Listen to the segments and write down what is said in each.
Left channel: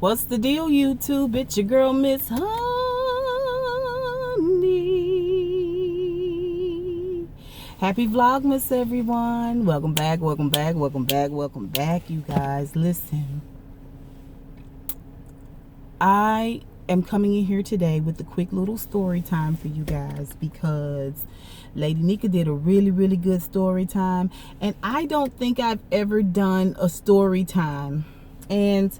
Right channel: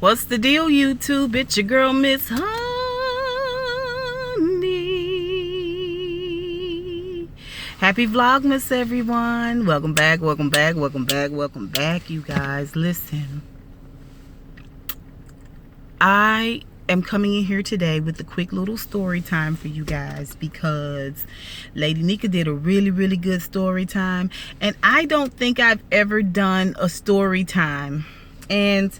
What's the deal, YouTube? It's your girl, Miss Honey. Happy Vlogmas, everyone. Welcome back, welcome back, welcome back, welcome back, you guys. Listen, I am coming in here today with a quick little story time for you guys because Lady Nika did a really good story time, and I don't think I've ever done a story time. And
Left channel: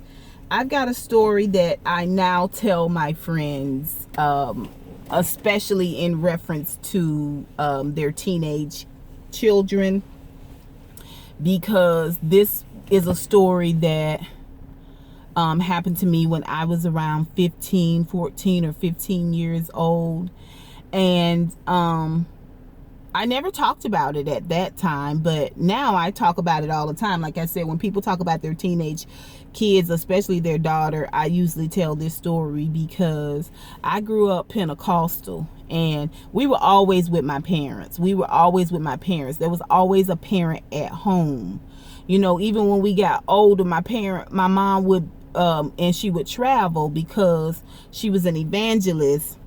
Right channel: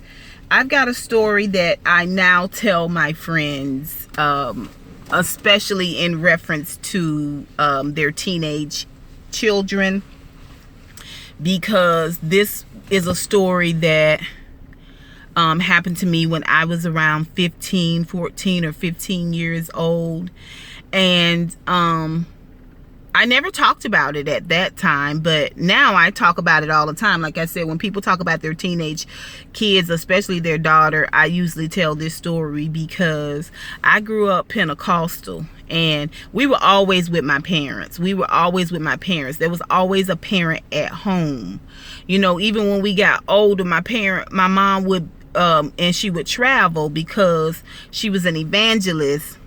I've got a story that I now tell my friends, especially in reference to their teenage children, because this is a story that happened to me when I was around 14 or 15 years old. And I never talked about it at that time, but now I talk about it all the time. Like I said, when people talk about their teenage kids, especially their daughter, I usually tell this story because I grew up Pentecostal and we were always with my parents. There was always a parent at home. You know, even when we got older, my mom would, and she would travel because she was an evangelist.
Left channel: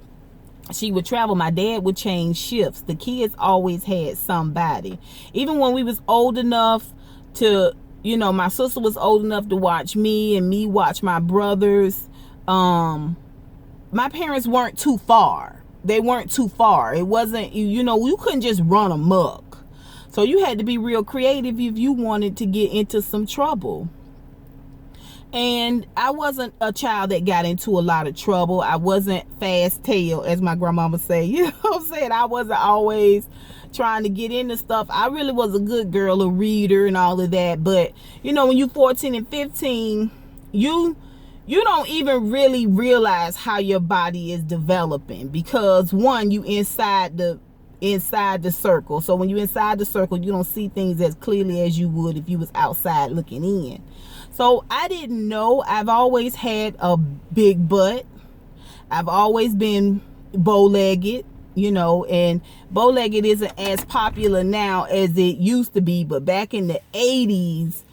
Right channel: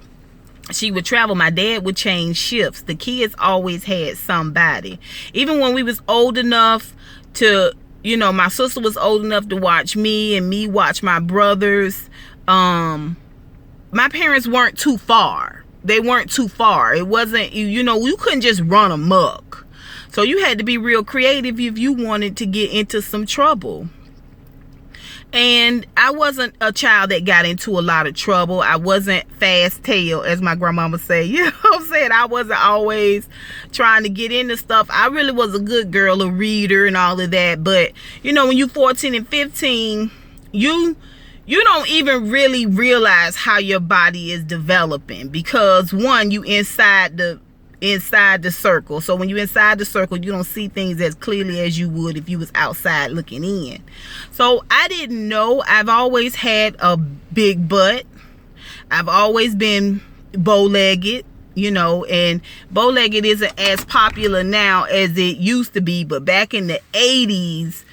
She would travel. My dad would change shifts. The kids always had somebody. Even when we was old enough to, you know, my sister was old enough to watch me and me watch my brothers. My parents weren't too far. They weren't too far. It wasn't, you know, you couldn't just run amok. So you had to be real creative if you wanted to get into some trouble. And I wasn't a child that got into a lot of trouble. I wasn't fast tail, as my grandmama say. You know what I'm saying? I wasn't always trying to get into stuff. I really was a good girl, a reader and all of that. But, you know, when you're 14 and 15, you don't even really realize how your body is developing. Because, one, you inside the circle. So when you're inside the circle, you don't see things as clearly as you would if you was outside looking in. So I didn't know. I've always had a big butt. I've always been bow-legged, you know, and bow-legged isn't as popular now as it used to be, but back in the 80s,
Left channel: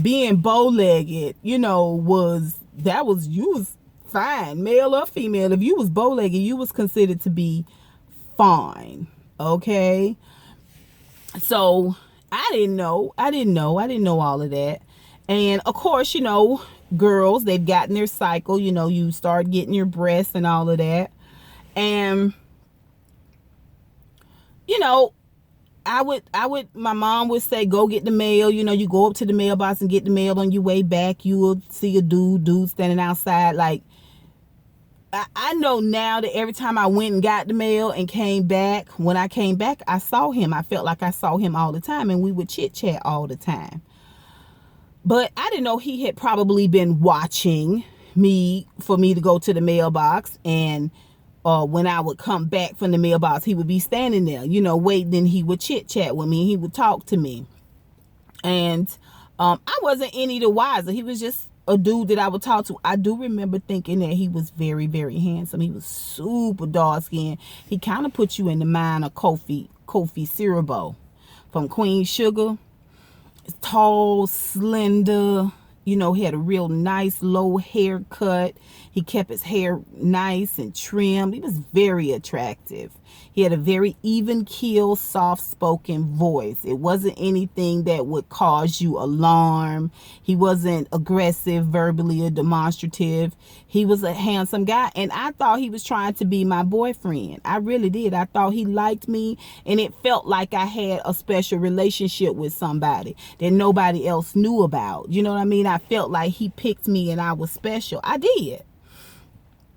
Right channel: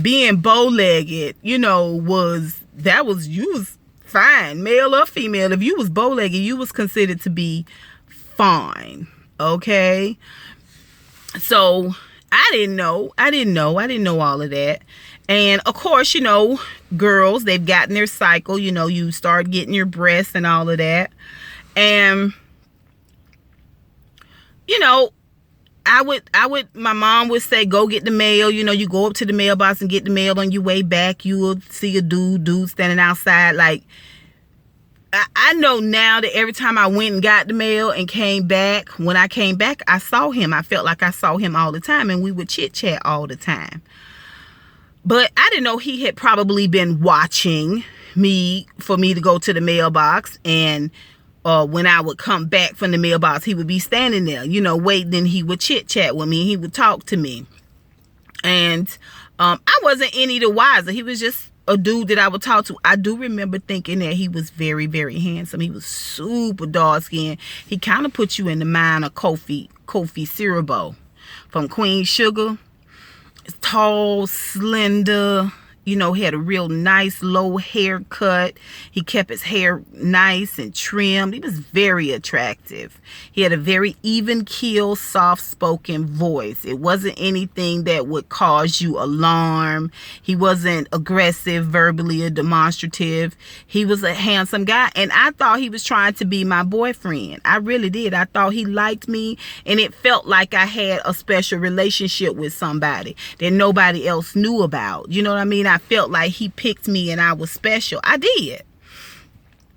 being bow-legged, you know, you was fine, male or female. If you was bow-legged, you was considered to be fine. Okay, so I didn't know all of that. And of course, you know, girls, they've gotten their cycle. You know, you start getting your breasts and all of that. And you know, my mom would say, go get the mail. You know, you go up to the mailbox and get the mail. On your way back, you will see a dude standing outside. Like, I know now that every time I went and got the mail and came back, when I came back, I saw him. I felt like I saw him all the time, and we would chit chat all the time. But I didn't know he had probably been watching me for me to go to the mailbox. And when I would come back from the mailbox, he would be standing there, you know, waiting. Then he would chit chat with me. He would talk to me. And I wasn't any the wiser. He was just a dude that I would talk to. I do remember thinking that he was very handsome. He was super dark skinned. He kind of put you in the mind of Kofi Siriboe from Queen Sugar. Tall, slender, you know, he had a real nice low haircut. He kept his hair nice and trimmed. He was very attractive. He had a very even keel, soft-spoken voice. It wasn't anything that would cause you alarm. He wasn't aggressive, verbally or demonstrative. He was a handsome guy, and I thought he was trying to be my boyfriend. I really did. I thought he liked me, and it felt like I had a special relationship with somebody that nobody else knew about. You know what I mean? I felt like he picked me and I was special. I did.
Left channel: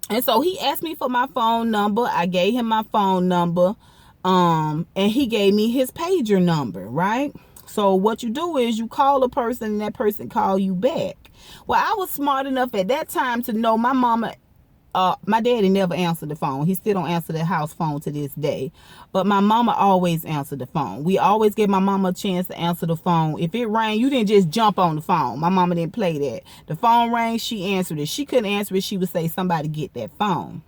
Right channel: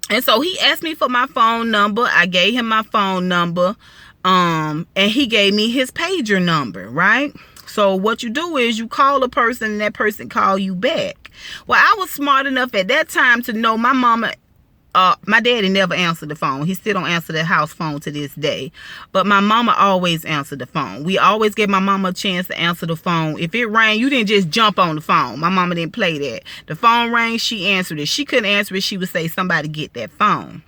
And so he asked me for my phone number. I gave him my phone number. And he gave me his pager number, right? So what you do is you call a person and that person call you back. Well, I was smart enough at that time to know my mama my daddy never answered the phone. He still don't answer the house phone to this day. But my mama always answered the phone. We always gave my mama a chance to answer the phone. If it rang, you didn't just jump on the phone. My mama didn't play that. The phone rang, she answered it. She couldn't answer it, she would say, somebody get that phone.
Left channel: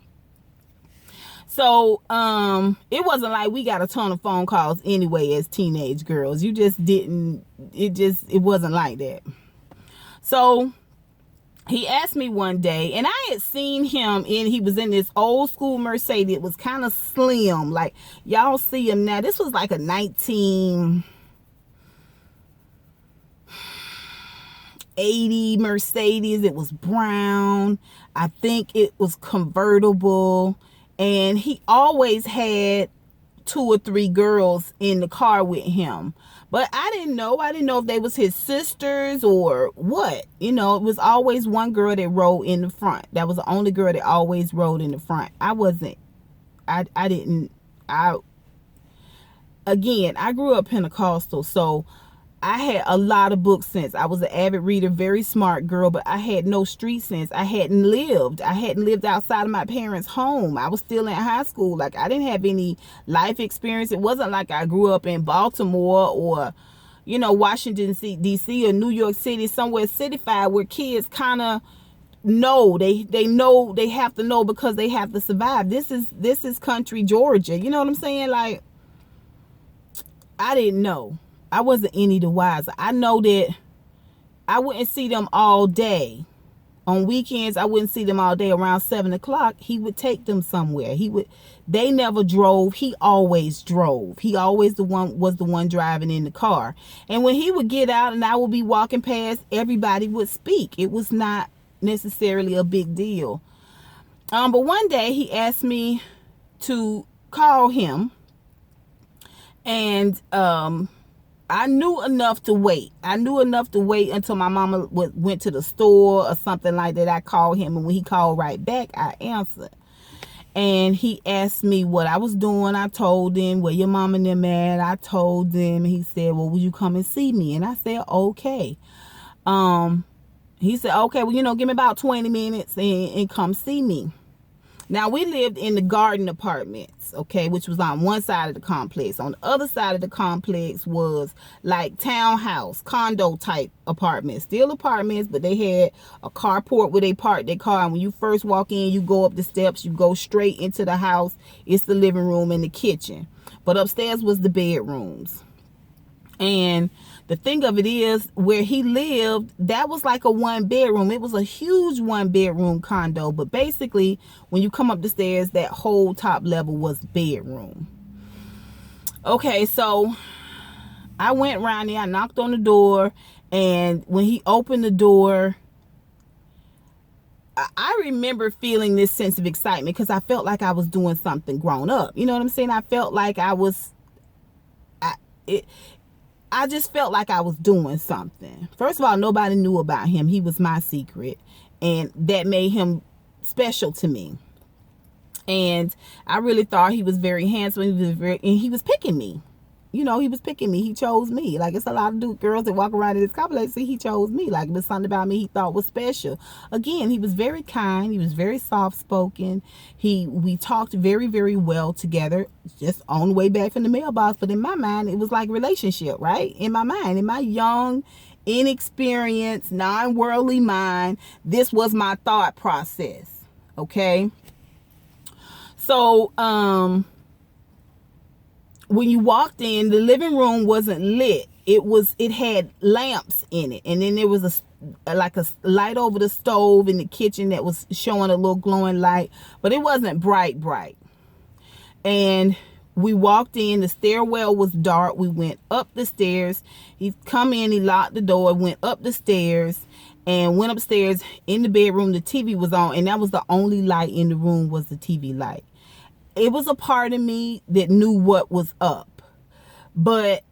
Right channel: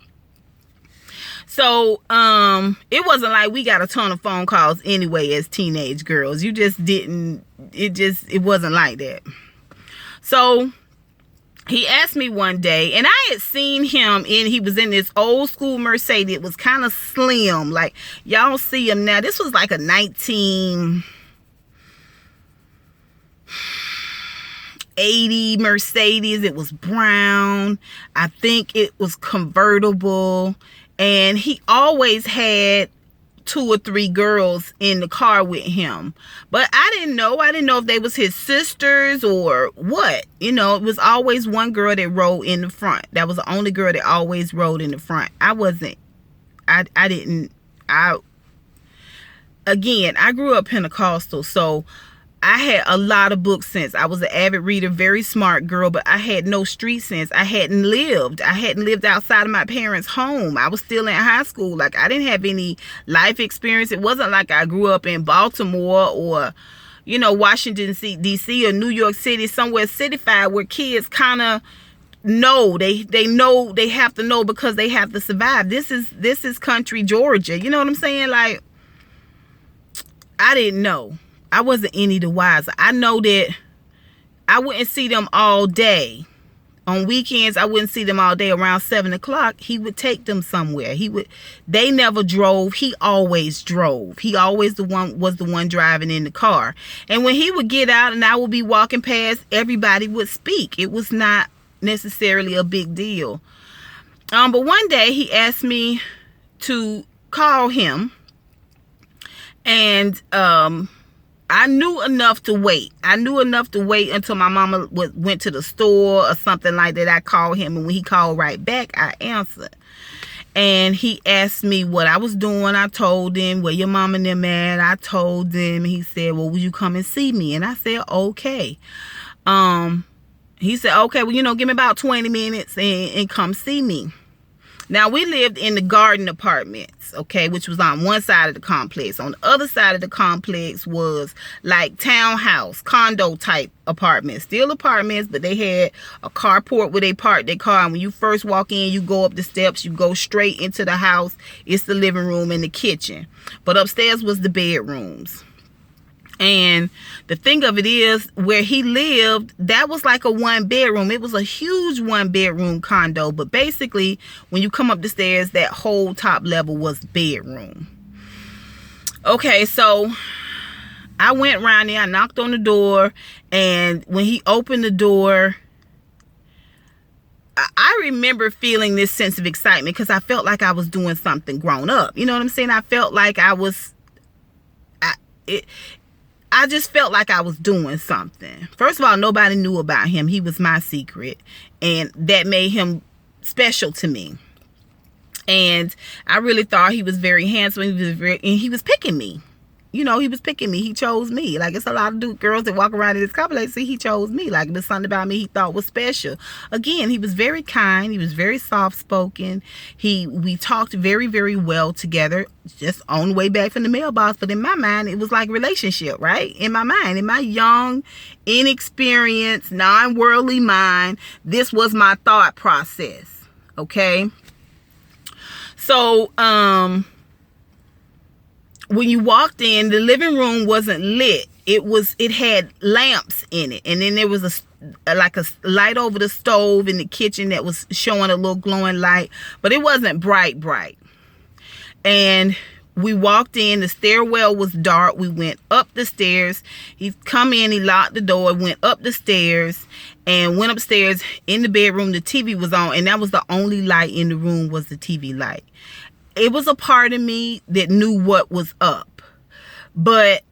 So, it wasn't like we got a ton of phone calls anyway as teenage girls. You just didn't, it wasn't like that. So, he asked me one day, and I had seen him he was in this old school Mercedes. It was kind of slim. Like, y'all see him now. This was like a 1980 Mercedes. It was brown. I think it was convertible. And he always had 2 or 3 girls in the car with him, but I didn't know if they was his sisters or what. You know, it was always one girl that rode in the front. That was the only girl that always rode in the front. Again, I grew up Pentecostal, so I had a lot of book sense. I was an avid reader, very smart girl, but I had no street sense. I hadn't lived outside of my parents' home. I was still in high school. Like, I didn't have any life experience. It wasn't like I grew up in Baltimore or, you know, Washington, D.C. or New York City, somewhere cityfied, where kids kind of know. They know, they have to know because they have to survive. This is country Georgia. You know what I'm saying? Like, I didn't know. I wasn't any the wiser. I know that I wouldn't see them all day. On weekends, I wouldn't see them all day. Around 7 o'clock, he would take them somewhere. They never drove. He always drove. He always was the one driving in the car. And when he would get out and I would be walking past, everybody would speak. It was not necessarily a big deal. But one day he asked me to call him, and I knew enough to wait. I knew enough to wait until my mama went to the store or something like that. I called him, and when he called right back, I answered. And he asked me what I was doing. I told him, where your mom and them at. I told him. He said, well, will you come and see me? And I said, okay. He said, okay, well, you know, give me about 20 minutes and come see me. Now, we lived in the garden apartments, okay, which was on one side of the complex. On the other side of the complex was like townhouse, condo type apartments. Still apartments, but they had a carport where they parked their car. And when you first walk in, you go up the steps, you go straight into the house. It's the living room and the kitchen. But upstairs was the bedrooms. And the thing of it is, where he lived, that was like a 1-bedroom. It was a huge 1-bedroom condo. But basically, when you come up the stairs, that whole top level was bedroom. Okay, so I went around there. I knocked on the door. And when he opened the door, I remember feeling this sense of excitement because I felt like I was doing something grown up. You know what I'm saying? I felt like I just felt like I was doing something. First of all, nobody knew about him. He was my secret. And that made him special to me. And I really thought he was very handsome. And he was picking me. You know, he was picking me. He chose me. Like, it's a lot of girls that walk around in this complex. See, he chose me. Like, there's something about me he thought was special. Again, he was very kind. He was very soft-spoken. We talked very, very well together, just on the way back from the mailbox. But in my mind, it was like relationship, right? In my mind, in my young, inexperienced, non-worldly mind, this was my thought process, okay? So, when you walked in, the living room wasn't lit. It had lamps in it. And then there was a light over the stove in the kitchen that was showing a little glowing light. But it wasn't bright. And we walked in. The stairwell was dark. We went up the stairs. He come in. He locked the door. Went up the stairs. And went upstairs. In the bedroom, the TV was on. And that was the only light in the room, was the TV light. It was a part of me that knew what was up, but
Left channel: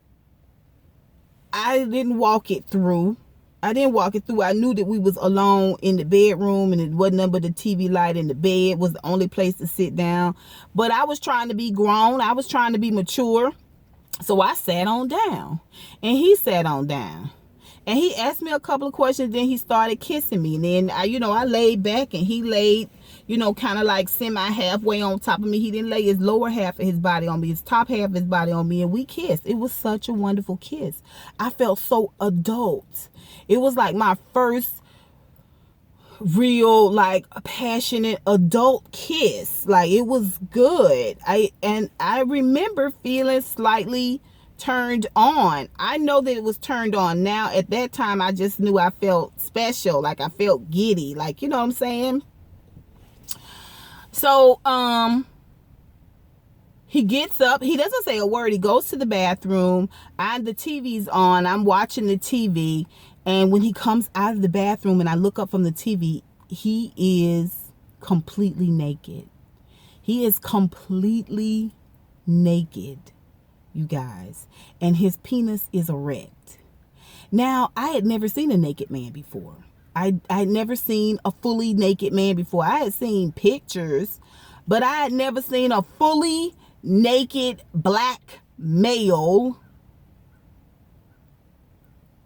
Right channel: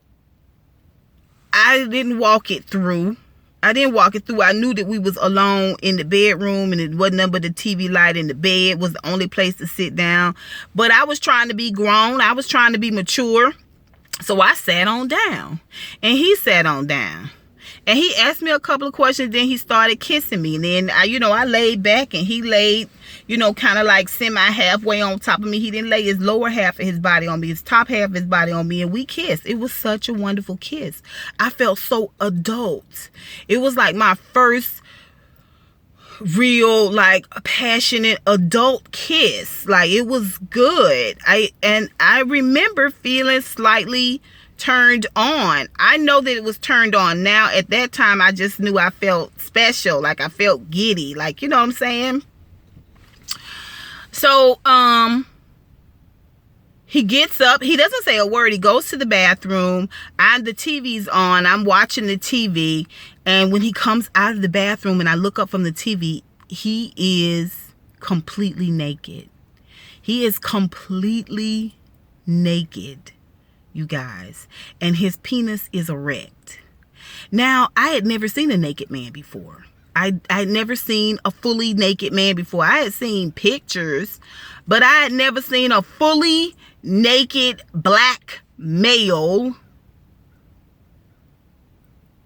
I didn't walk it through. I knew that we was alone in the bedroom, and it wasn't nothing but the TV light, in the bed was the only place to sit down. But I was trying to be grown. I was trying to be mature. So I sat on down, and he sat on down. And he asked me a couple of questions. Then he started kissing me. And then, I laid back, and he laid, kind of like semi-halfway on top of me. He didn't lay his lower half of his body on me, his top half of his body on me. And we kissed. It was such a wonderful kiss. I felt so adult. It was like my first real, like, passionate adult kiss. Like, it was good. I remember feeling slightly turned on. I know that it was turned on. Now, at that time, I just knew I felt special. Like, I felt giddy. Like, you know what I'm saying? So, he gets up. He doesn't say a word. He goes to the bathroom. The TV's on. I'm watching the TV. And when he comes out of the bathroom and I look up from the TV, he is completely naked. He is completely naked, you guys. And his penis is erect. Now, I had never seen a naked man before. I had never seen a fully naked man before. I had seen pictures, but I had never seen a fully naked black male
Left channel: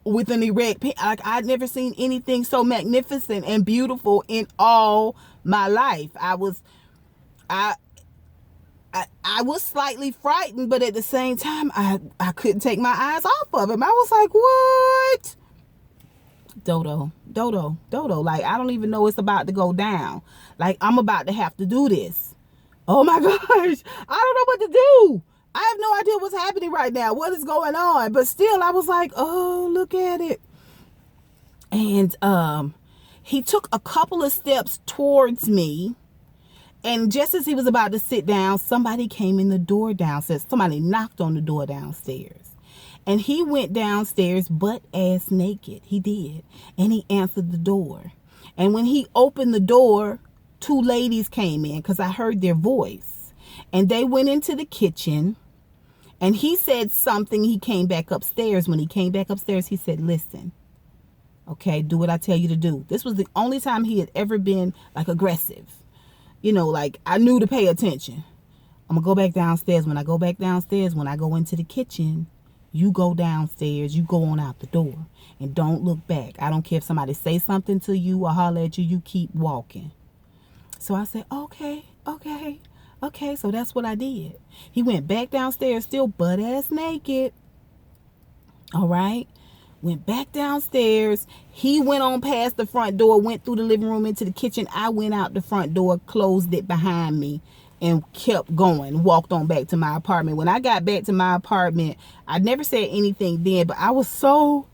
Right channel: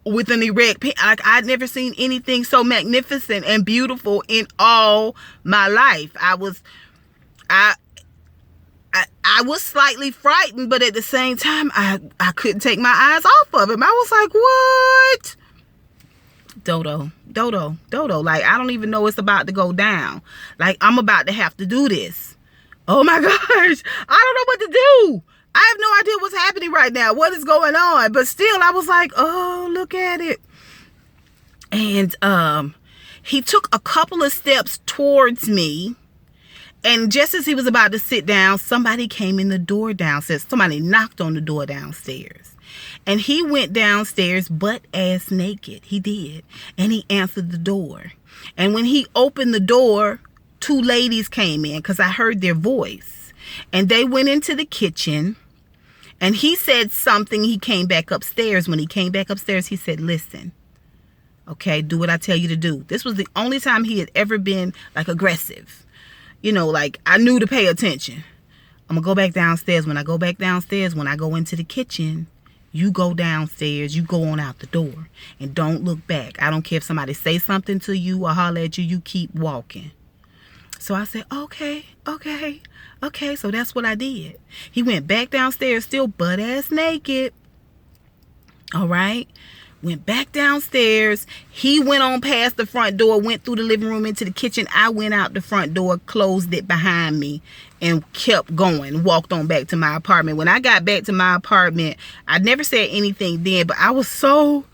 with an erect penis. Like, I'd never seen anything so magnificent and beautiful in all my life. I was slightly frightened, but at the same time, I couldn't take my eyes off of him. I was like, what? Dodo. Like, I don't even know it's about to go down. Like, I'm about to have to do this. Oh my gosh. I don't know what to do. I have no idea what's happening right now. What is going on? But still, I was like, oh, look at it. And he took a couple of steps towards me. And just as he was about to sit down, somebody came in the door downstairs. Somebody knocked on the door downstairs. And he went downstairs butt-ass naked. He did. And he answered the door. And when he opened the door, 2 ladies came in because I heard their voice. And they went into the kitchen. And he said something. He came back upstairs. When he came back upstairs, he said, listen, okay, do what I tell you to do. This was the only time he had ever been, like, aggressive. You know, like, I knew to pay attention. I'm going to go back downstairs. When I go back downstairs, when I go into the kitchen, you go downstairs, you go on out the door, and don't look back. I don't care if somebody say something to you or holler at you, you keep walking. So I said, okay. So that's what I did. He went back downstairs, still butt-ass naked. All right. Went back downstairs. He went on past the front door, went through the living room into the kitchen. I went out the front door, closed it behind me, and kept going. Walked on back to my apartment. When I got back to my apartment, I never said anything then, but I was so...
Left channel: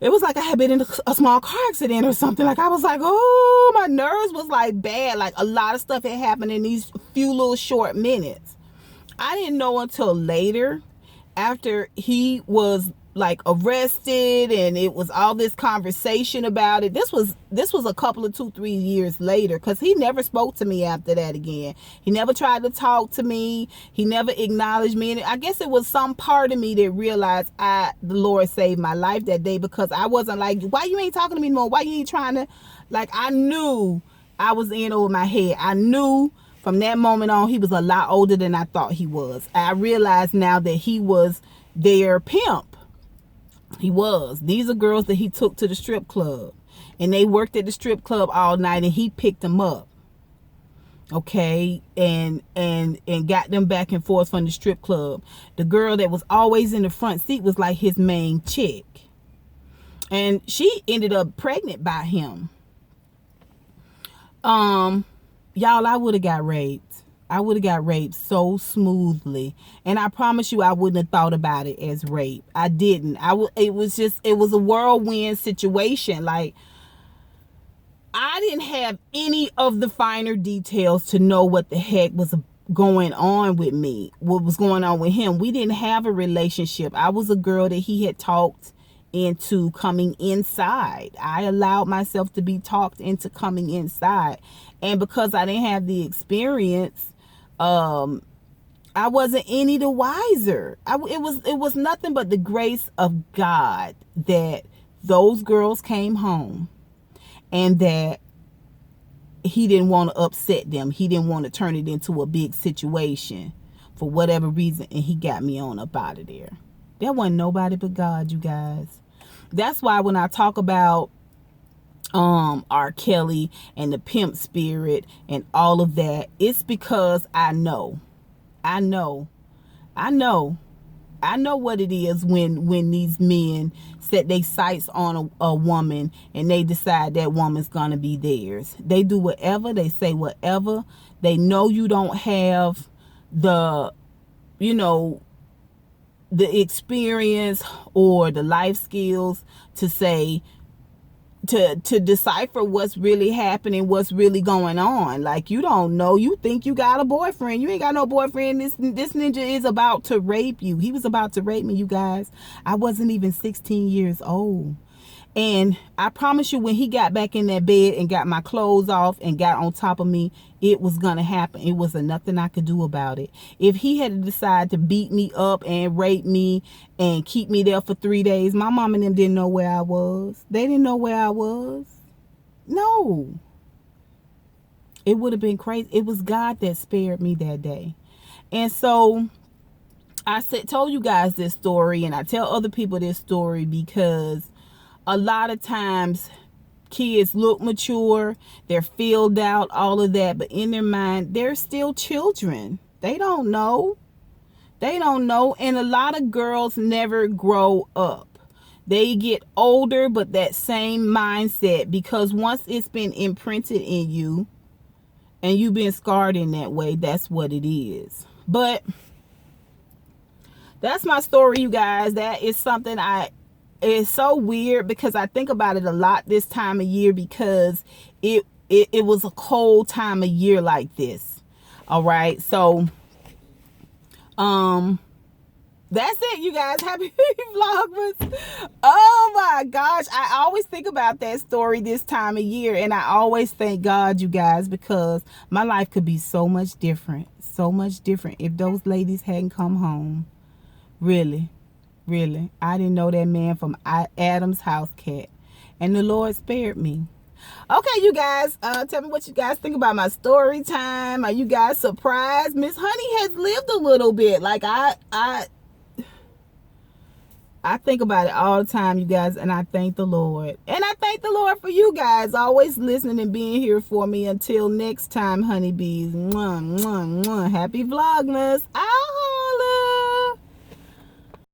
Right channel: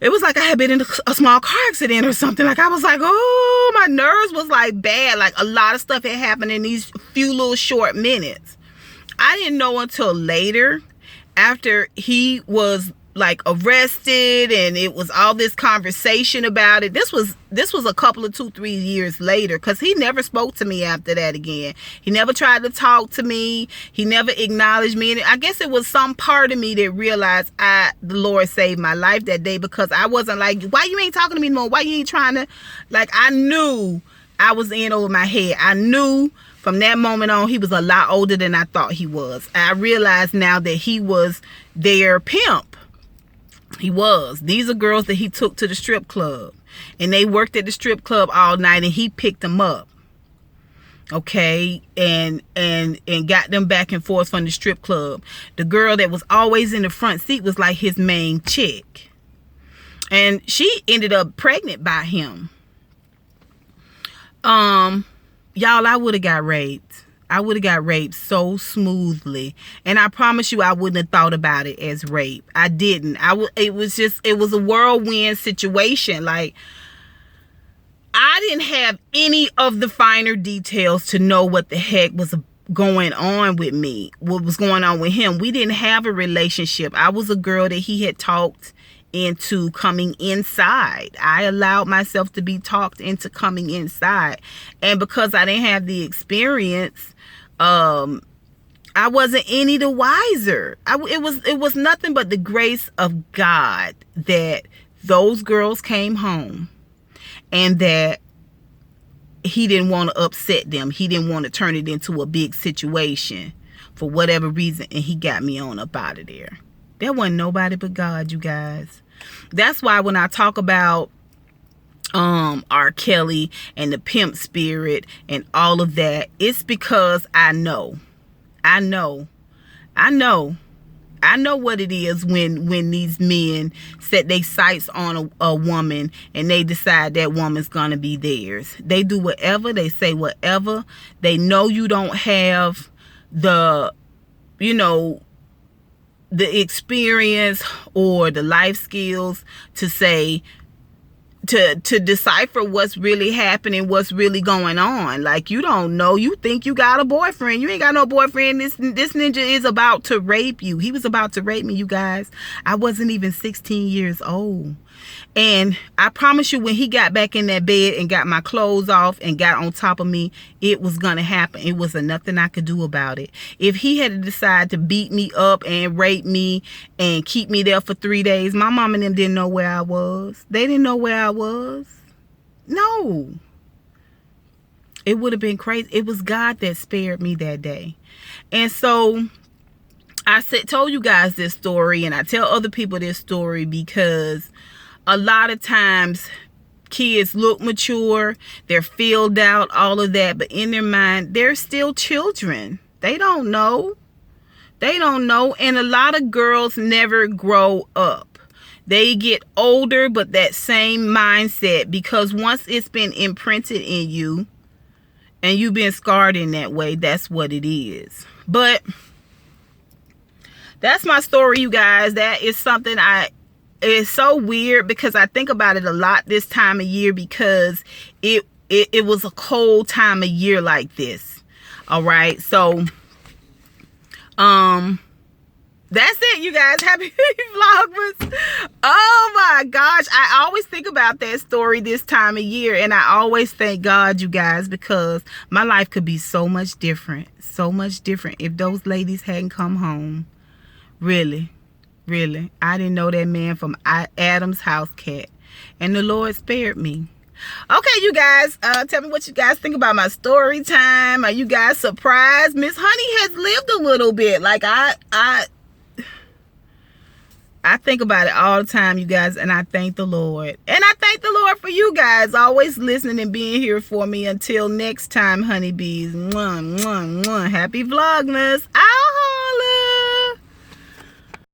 It was like I had been in a small car accident or something. Like, I was like, oh, my nerves was like bad. Like, a lot of stuff had happened in these few little short minutes. I didn't know until later, after he was like arrested and it was all this conversation about it. This was a couple of 2-3 years later, because he never spoke to me after that again. He never tried to talk to me. He never acknowledged me. And I guess it was some part of me that realized the Lord saved my life that day, because I wasn't like, why you ain't talking to me no more? Why you ain't trying to, like, I knew I was in over my head. I knew from that moment on he was a lot older than I thought he was. I realized now that he was their pimp. He was. These are girls that he took to the strip club, and they worked at the strip club all night, and he picked them up, okay, and got them back and forth from the strip club. The girl that was always in the front seat was like his main chick, and she ended up pregnant by him. Y'all, I would have got raped. I would have got raped so smoothly. And I promise you, I wouldn't have thought about it as rape. I didn't. It was a whirlwind situation. Like, I didn't have any of the finer details to know what the heck was going on with me, what was going on with him. We didn't have a relationship. I was a girl that he had talked into coming inside. I allowed myself to be talked into coming inside. And because I didn't have the experience, I wasn't any the wiser. It was nothing but the grace of God that those girls came home, and that he didn't want to upset them. He didn't want to turn it into a big situation for whatever reason, and he got me on up out of there. There wasn't nobody but God, you guys. That's why when I talk about R. Kelly and the pimp spirit and all of that, it's because I know what it is when these men set their sights on a woman and they decide that woman's gonna be theirs. They do whatever, they say whatever. They know you don't have the, the experience or the life skills to say, to decipher what's really happening, what's really going on. Like, you don't know. You think you got a boyfriend. You ain't got no boyfriend. This ninja is about to rape you. He was about to rape me, you guys. I wasn't even 16 years old. And I promise you, when he got back in that bed and got my clothes off and got on top of me, it was going to happen. It wasn't nothing I could do about it. If he had decided to beat me up and rape me and keep me there for 3 days, my mom and them didn't know where I was. They didn't know where I was. No. It would have been crazy. It was God that spared me that day. And so I told you guys this story, and I tell other people this story because a lot of times kids look mature, they're filled out, all of that, but in their mind, they're still children. They don't know. They don't know. And a lot of girls never grow up. They get older, but that same mindset, because once it's been imprinted in you and you've been scarred in that way, that's what it is. But that's my story, you guys. That is something it's so weird because I think about it a lot this time of year, because it was a cold time of year like this. All right. So, that's it, you guys. Happy Vlogmas. Oh my gosh. I always think about that story this time of year, and I always thank God, you guys, because my life could be so much different. So much different if those ladies hadn't come home. Really. Really, I didn't know that man from Adam's house cat, and the Lord spared me. Okay, you guys, tell me what you guys think about my story time. Are you guys surprised? Miss Honey has lived a little bit. Like I think about it all the time, you guys, and I thank the Lord. And I thank the Lord for you guys always listening and being here for me. Until next time, honeybees. Mwah, mwah, mwah. Happy Vlogmas.